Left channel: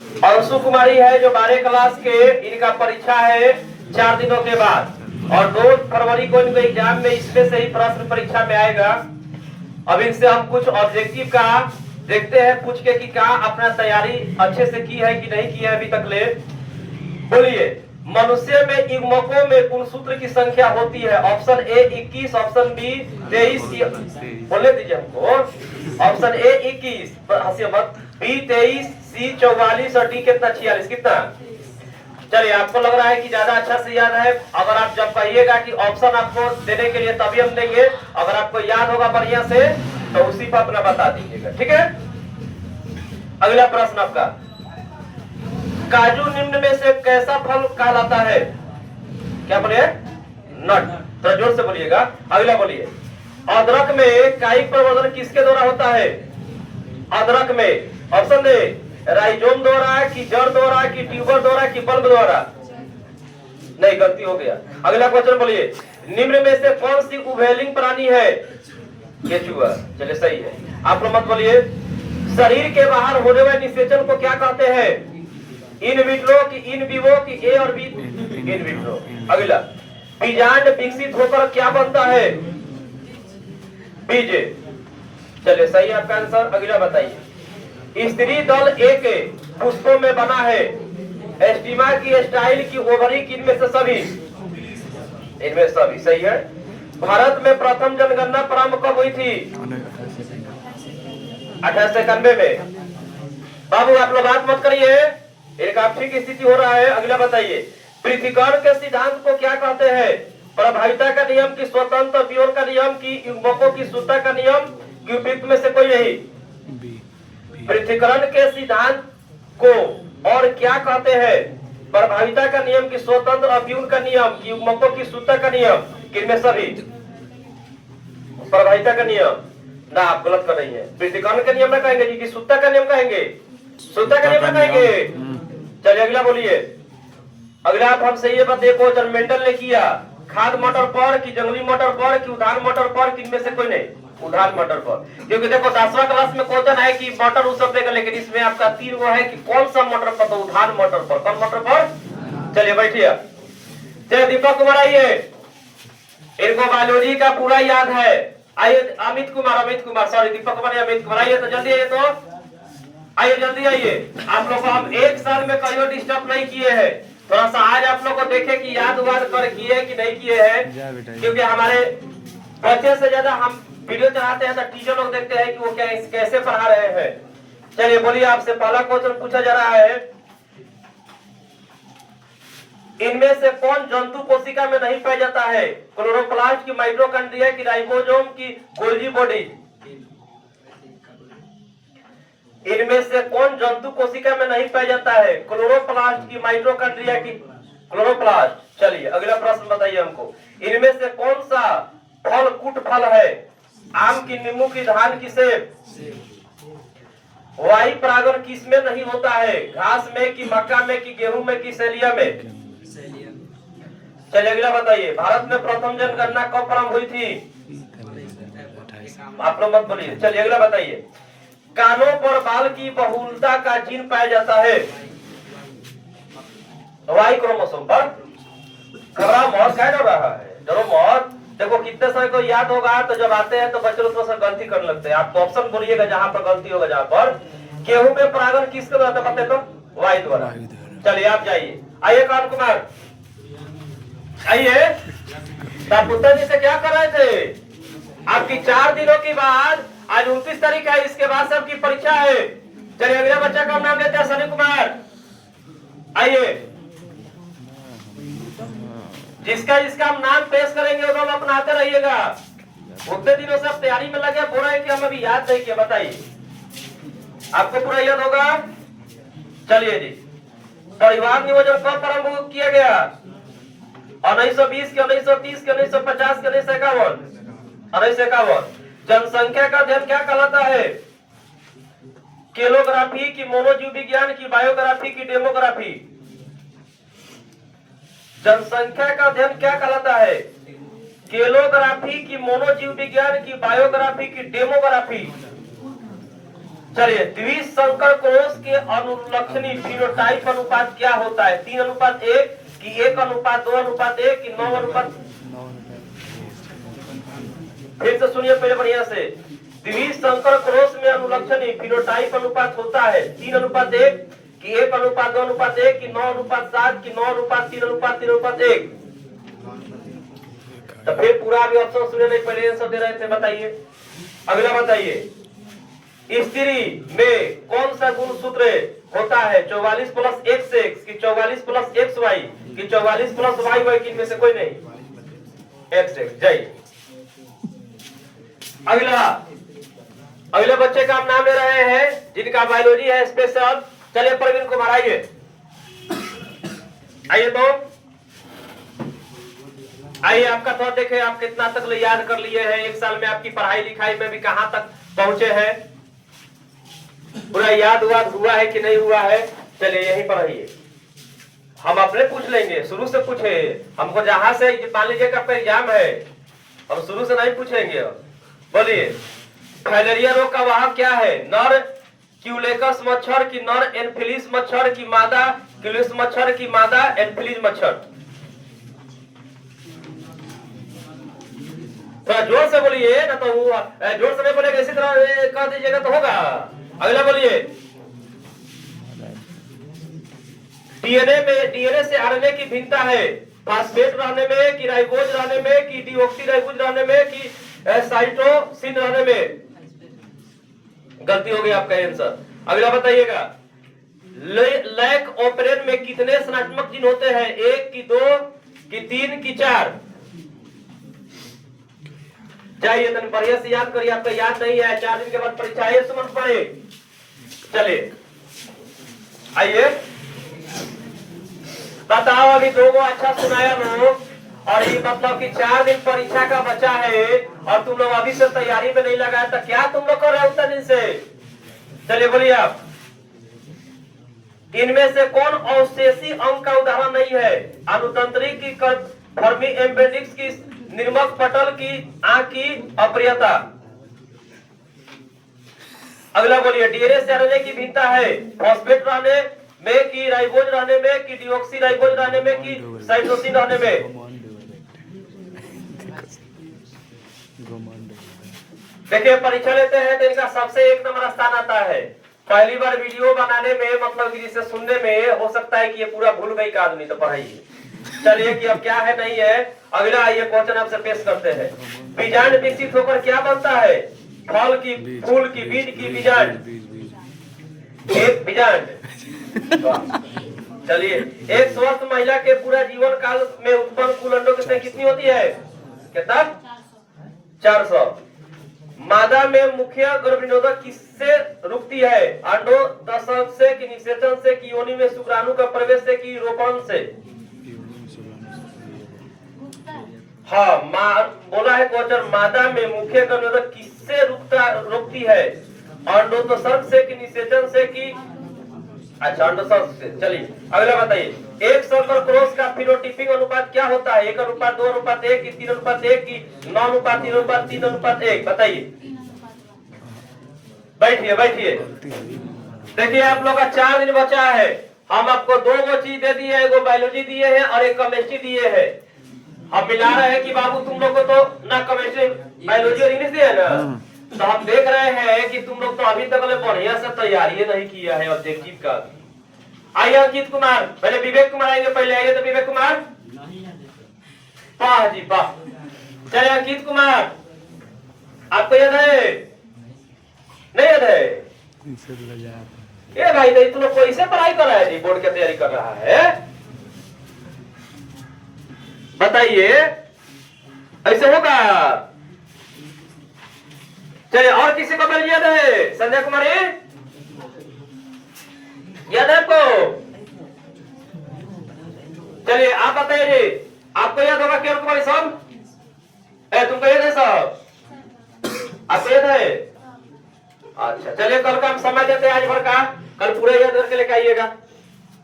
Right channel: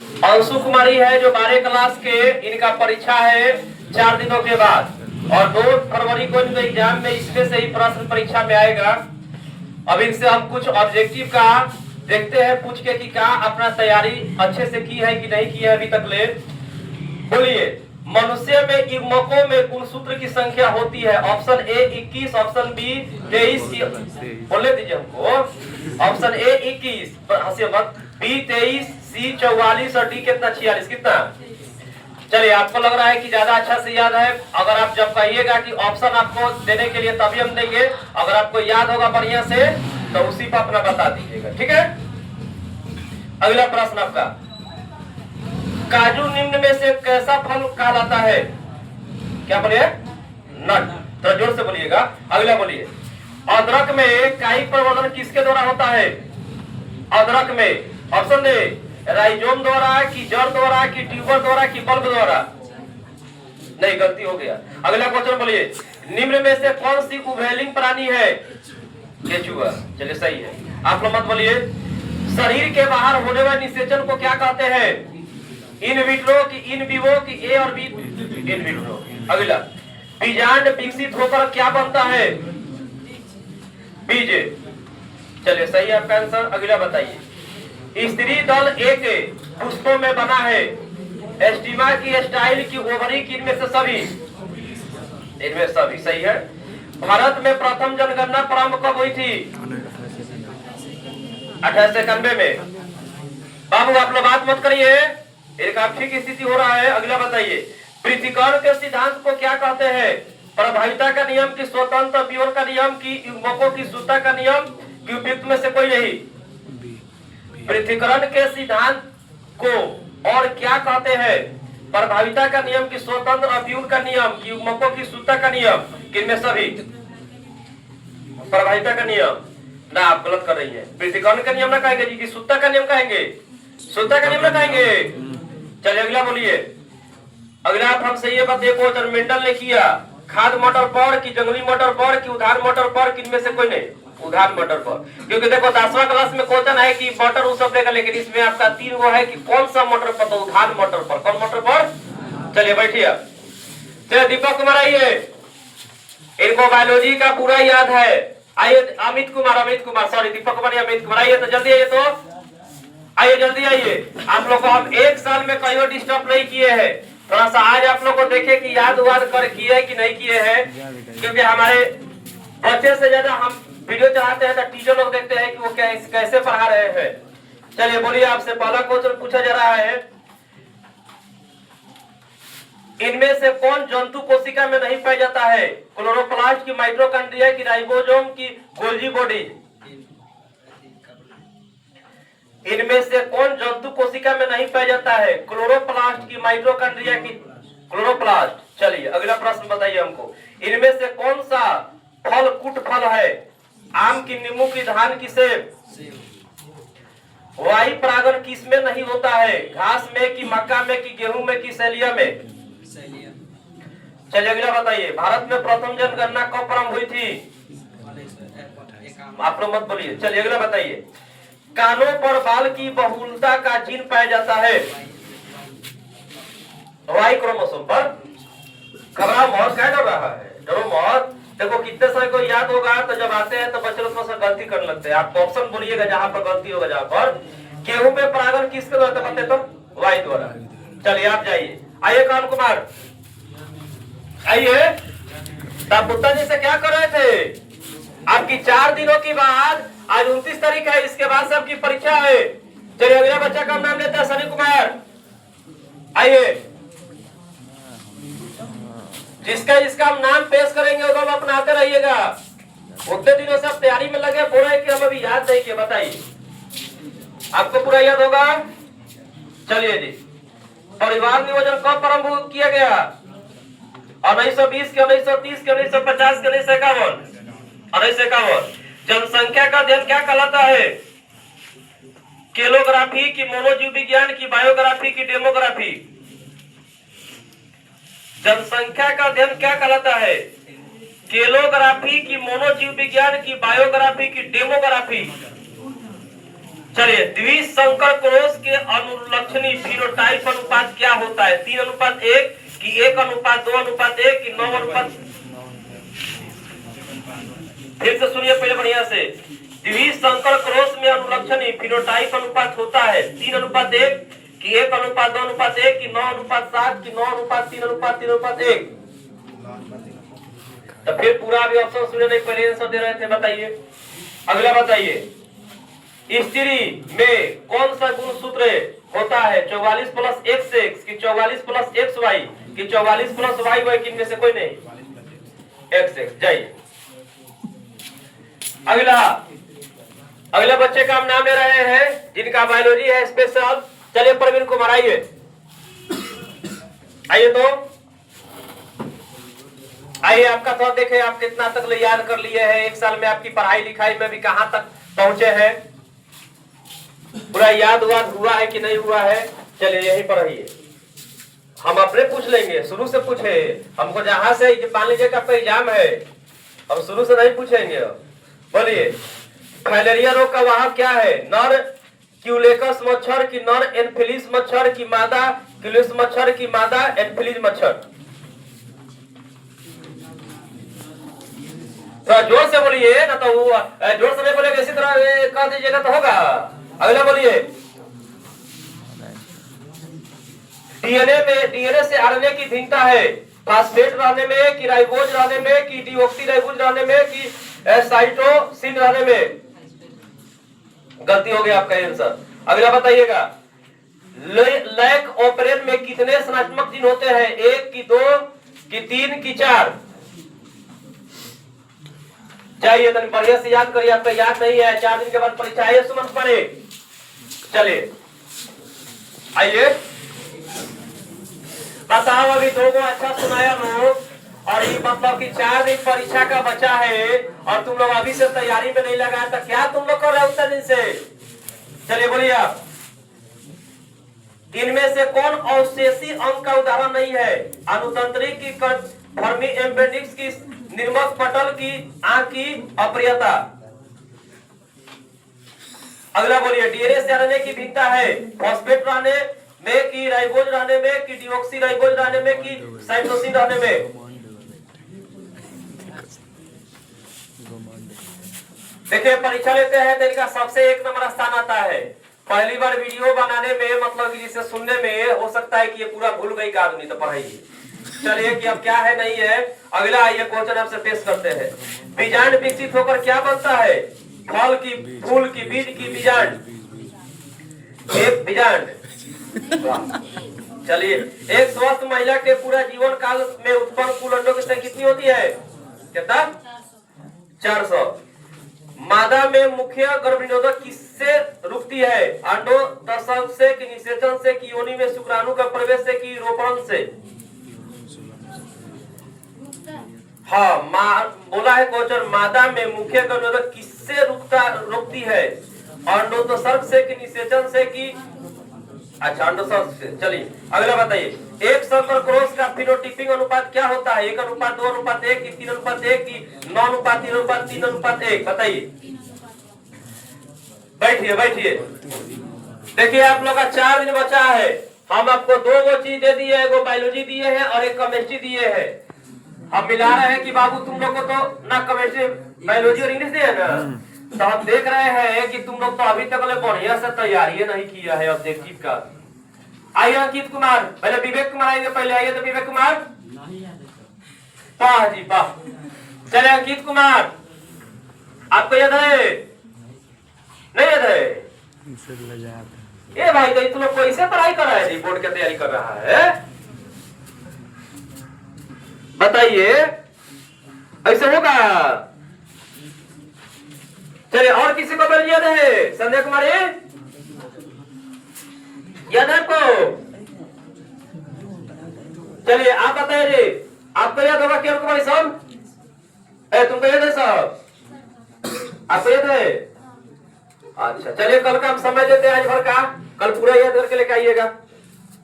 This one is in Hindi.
अंशु कुमारी है जो 12 क्लास के, इनका परीक्षा है 4 दिनों के बाद और 2 फरवरी को इनका एग्जाम में इसमें से ही प्रश्न परीक्षा में आएगा। अब इनसे हम कुछ ऑब्जेक्टिव का देखते हैं पूछ के कि क्या अपना तैयारी अच्छे से की है कि नहीं की है अभी तक ले। बोलिए, मनुष्य में युग्मकों में कुल सूत्र की संख्या होती है? ऑप्शन ए 21, ऑप्शन बी 23 की, बोले दीजिए हमको। ऑप्शन ए 21, हंसिए मत, बी 23, सी 44 और डी कितना 46, कितना? चलिए, आपको लग रहा है कि ज्यादा अच्छा से याद है। अगर आप जब कहिएगा कि ऑप्शन आपको देने के लिए तभी हम देंगे, अगर आपको याद होगा बढ़िया से तो उसी पर अपना बता दीजिएगा, ठीक है। अगला प्रश्न आपका, काजू निम्न में से कैसा फल कहलाता है? क्या बोलिए? नट। थोड़ा जोर से बोलिएगा। अगला बोलिए, अदरक में काई प्रवर्धन किसके द्वारा होता है? अदरक में ऑप्शन ए राइजोम द्वारा कि जड़ द्वारा कि ट्यूबर द्वारा कि बल्ब द्वारा? नहीं, गलती हो गया। अगला क्वेश्चन बोलिए, निम्न में से कौन सी उभयलिंग प्राणी है? केचुआ। चलिए, सही है। आप लोग मत बोलिए। शरीर के बाहर होने वाले निषेचन को क्या कहते हैं? इन विट्रो की इन विवो की ए और बी? In vitro. अगला, बीजांड विकसित होकर क्या बनता है? बीज। चलिए, सही आपका आंसर। अगला बताइए, स्त्री दल एक पुष्पों में बना है? एस्टिमा की, स्टाइल की, ओवरी की, इनमें से सभी? इनमें सभी सही है। भारत में प्रथम जनगणना प्रारंभ कब हुई थी? 1891 में। बाबू आप लोग बात मत करिए, एक ठीक स्थिति हो रहा है। अगला बताइए, पृथ्वीकरण के सिद्धांत को क्या कहते हैं? प्रभाविता का नियम की, स्वतंत्र विरोध का नियम की, युग्मकों की सूत्रता का नियम की, उपयुक्त में से कोई नहीं? पृथ्वीकरण के सिद्धांत को और क्या कहते हैं? प्रभाविता का नियम की, स्वतंत्र अव्यूह का नियम की, युग्मकों की सूत्रता का नियम, किनमें सभी? प्रभाविता का नियम ना, आप गलत कर रही हैं। पृथ्वीकरण का नियम ना कहेंगे जी, कि सूत्रता का नियम कहेंगे? सूत्रता का नियम ना कहेंगे। चलिए, अगला बोलिए। अगला आप हमसे ये बात, एक क्वेश्चन मेंडल ने किया, खाद मटर पर की जंगली मटर पर की उद्यान मटर पर, किनमें से कोई नहीं? उद्यान मटर पर। क्योंकि देखो 10वां क्लास में क्वेश्चन है कि मटर उस शब्द का, लेकिन इसमें आपका 3 वो है कि कौन सा मटर पर? तो उद्यान मटर पर। कौन मटर पर? चलिए बैठिए। चलिए दीपक कुमार आइए, इनको बायोलॉजी का पूरा याद है। आइए अमित कुमार सॉरी दीपक कुमार, अमित कुमार आइए, तो जल्दी आइए, तो आइए जल्दी आइए। आप लोग को हम 1 साल में कहीं डिस्टर्ब नहीं किए हैं। थोड़ा सा आज आप लोग को देखे कि याद वाद कर किए कि नहीं किए हैं, क्योंकि हमारे बच्चे से ज्यादा हम वीडियो चढ़ाते हैं तो टीचर लोग देखते हैं कि वो कैसे पढ़ा रहे हैं। चलिए बोलिए, आपसे पहला क्वेश्चन पूछा जा रहा है, इनमें से कौन जंतु कोशिका में नहीं पाया जाता है? क्लोरोप्लास्ट की, माइटोकॉन्ड्रिया की, राइबोसोम की, गोल्गी बॉडी? इनमें से कौन जंतु कोशिका में नहीं पाया जाता है? क्लोरोप्लास्ट की, माइटोकॉन्ड्रिया की, क्लोरोप्लास्ट। चलिए अगला प्रश्न बताइए हमको, इनमें से कौन सा फल कुट फल है? आम की, नींबू की, धान की, सेब? वायु परागन किसमें नहीं होता है? घास में कि, मक्का में कि, गेहूं में कि, सैलिया में? चलिए अगला बताइए, भारत में प्रथम जनगणना कब प्रारंभ हुई थी? आप लोग मत बोलिए। चलिए अगला बताइए, कानों पर बाल की बहुलता का जीन पाया जाता है? वाई क्रोमोसोम पर। घबरा मौत, क्या डर रहा है? डरो मौत। देखो कितने समय को याद होगा, तो जब आते हैं तो बच्चे लोग थोड़ा सा गलती करने लगते हैं। आप ऑप्शन बोलिएगा जहां पर गलती होगा। जहां पर गेहूं में परागन किसके द्वारा बताते तो? वाई द्वारा। चलिए आप जाइए, आइए कान कुमार आइए। पुत्र जी से क्या कर रहे थे? आपकी 4 दिनों के बाद, आज 29 तारीख है, इसके बाद से आपकी परीक्षा है। चलिए अगले बच्चा का नाम लेते हैं, सनी कुमार आइए। जिसका जिसका हम नाम पेश करेंगे वो हम अपनाते रहिएगा। उतने दिनों से आप तैयारी में लगे, पूरा है कि हम अभी याद नहीं किया? बताइए, आपको पूरा याद होगा। चलिए जी, परिवार नियोजन कब प्रारंभ किया गया? 1920 के, 1930 के, 1950 के, 1951? 1951। जनसंख्या का अध्ययन क्या कहलाता है? केलोग्राफी की, मोनोजीव विज्ञान की, बायोग्राफी की, डेमोग्राफी? जनसंख्या का अध्ययन क्या कहलाता है? केलोग्राफी की, मोनोजीव विज्ञान की, बायोग्राफी की, डेमोग्राफी? चलिए, द्विसंकर कोष के अनुलक्षणी फिनोटाइप अनुपात क्या होता है? 3:1 कि 1:2:1 कि 9:। फिर से सुनिए पहले बढ़िया से। द्विसंकर क्रॉस में अनुलक्षणी फिनोटाइप अनुपात होता है 3:1 कि 1:2:1 कि 9:7 कि 9:3:3:1। तो फिर पूरा भी ऑप्शन सुने नहीं, पहले आंसर दे रहे थे। बताइए अगला, बताइए स्त्री में कौन सा गुण सूत्र होता है? 44 + x कि 44 + xy कि 44 + yy कि इनमें से कोई नहीं? x। जाइए अगला बच्चे का हम नाम ले रहे हैं जिनका बायोलॉजी है स्पेशल। चलिए प्रवीण कुमार आइए, आइए तो आइए, आपका थोड़ा देखें आप कितना तक याद कर लिए हैं। एक साल में आपकी पढ़ाई लिखाई में भी कहां तक पहुंचे हैं? पूरा याद हुआ है कि नहीं हुआ है? चलिए यहीं पर रहिए, हम अपने पूछ लेंगे। शुरू से पूछे, हमको जहां से मान लीजिए का एग्जाम है, हम शुरू से नहीं पूछेंगे। बोलिए फाइलेरिया रोग का वाहक क्या है? नर क्यूलेकस मच्छर की नर एनफिलीस मच्छर की मादा क्यूलिस मच्छर की मादा एनफिलीस मच्छर? तो जोर से बोलिए ना, तो जोर से नहीं बोलेगा इसी तरह कह दीजिएगा तो होगा। अगला बोलिए डीएनए से आरएनए की भिन्नता है फास्फेट रहने में कि राइबोज रहने में कि डीऑक्सीराइबोज रहने में कि साइटोसिन रहने में? गलती हो गई आपका आंसर। अगला बताइएगा लैक ऑपरेन में कितने संरचनात्मक जीन होते हैं? 1 कि 2 कि 3 कि 4? चाहिए तो बढ़िया से याद करिए, आपका याद नहीं है। 4 दिन के बाद परीक्षा है, सुमन पढ़े। चलिए आइए बताओ, अभी 2 को अच्छा सुनाया ना, और ये मतलब कि 4 दिन परीक्षा का बचा है और तुम लोग अभी से तैयारी में नहीं लगाया, तो क्या तुम लोग कर रहे हो उतना दिन से? चलिए बोलिए आप, इनमें से कौन अवशेषी अंग का उदाहरण नहीं है? अनुतंत्रिक की फर्मी एम्बेडिक्स की निर्मक पटल की आंख की अप्रियता? अगला बोलिए डीएनए से आरएनए की भिन्नता है फॉस्फेट रहने में कि राइबोज रहने में कि डीऑक्सीराइबोज रहने में कि साइटोसिन रहने में? देखिए परीक्षा लेते हैं तो इनका सबसे 1 नंबर स्थान आता है। पहली बार वीडियो बनाने में मतलब जिसे सुनने में हो सकता है कि ये पूरा भूल गई का आदमी, तो पढ़ाइए। चलिए कि अब क्या है नहीं है। अगला आइए क्वेश्चन आपसे पेश करते हैं। बीजांड विकसित होकर क्या बनता है? फल की, फूल की, बीज की बीजांड? एक बीजांड। चलिए एक स्वस्थ महिला के पूरा जीवन काल में उत्पन्न कुल अंडों की संख्या कितनी होती है? कितना? 400। मादा में मुख्य गर्भनिरोधक किससे रुकती है? अंडो दर्शन से कि निषेचन से कि योनि में शुक्राणु का प्रवेश से कि रोपण से? हाँ बोला है क्वेश्चन, मादा में मुख्य गर्भनिरोधक किससे रुकती है? अंडोत्सर्ग से कि निषेचन से कि अच्छा अंडोत्सर्ग से। चलिए अगला बताइए एक संकर क्रॉस का फिनोटाइपिक अनुपात क्या होता है? 1:2:1 कि 3:1 कि 9:3:3:1? बताइए। बैठिए देखिए आप लोग का 4 दिन बचा है। हम आपको 2 चीज दे दिए, एगो बायोलॉजी दिए हैं और एक केमिस्ट्री दिए हैं। हम मिला रहे हैं कि बाबू तुम लोग को तो ना केमिस्ट्री बायोलॉजी और इंग्लिश दिए ना, तो हम देख रहे हैं कि तुम लोग तो अभी तक बढ़िया से तैयारी नहीं किया है ऑब्जेक्टिव का। आइए अंकित कुमार, पहले विवेक कुमार आएंगे, पहले आइए तो विवेक कुमार। वाह जी वाह। चले अंकित कुमार, आपको याद है? नहीं याद है? ये भाई तो इतने कोई से पढ़ाई कर रहा है जी, बोर्ड की तैयारी कर रहा है? बताइए ऐसे होगा? चलिए और किसी को बिल याद है? संध्या कुमारी याद है आपको? चलिए आप बताइए, आपको याद होगा क्या कुमारी साहब? तुमको याद है साहब? आपको याद है? अच्छा चलिए कल का हम समय देते हैं, आज भर का कल पूरा याद करके लेके आइएगा।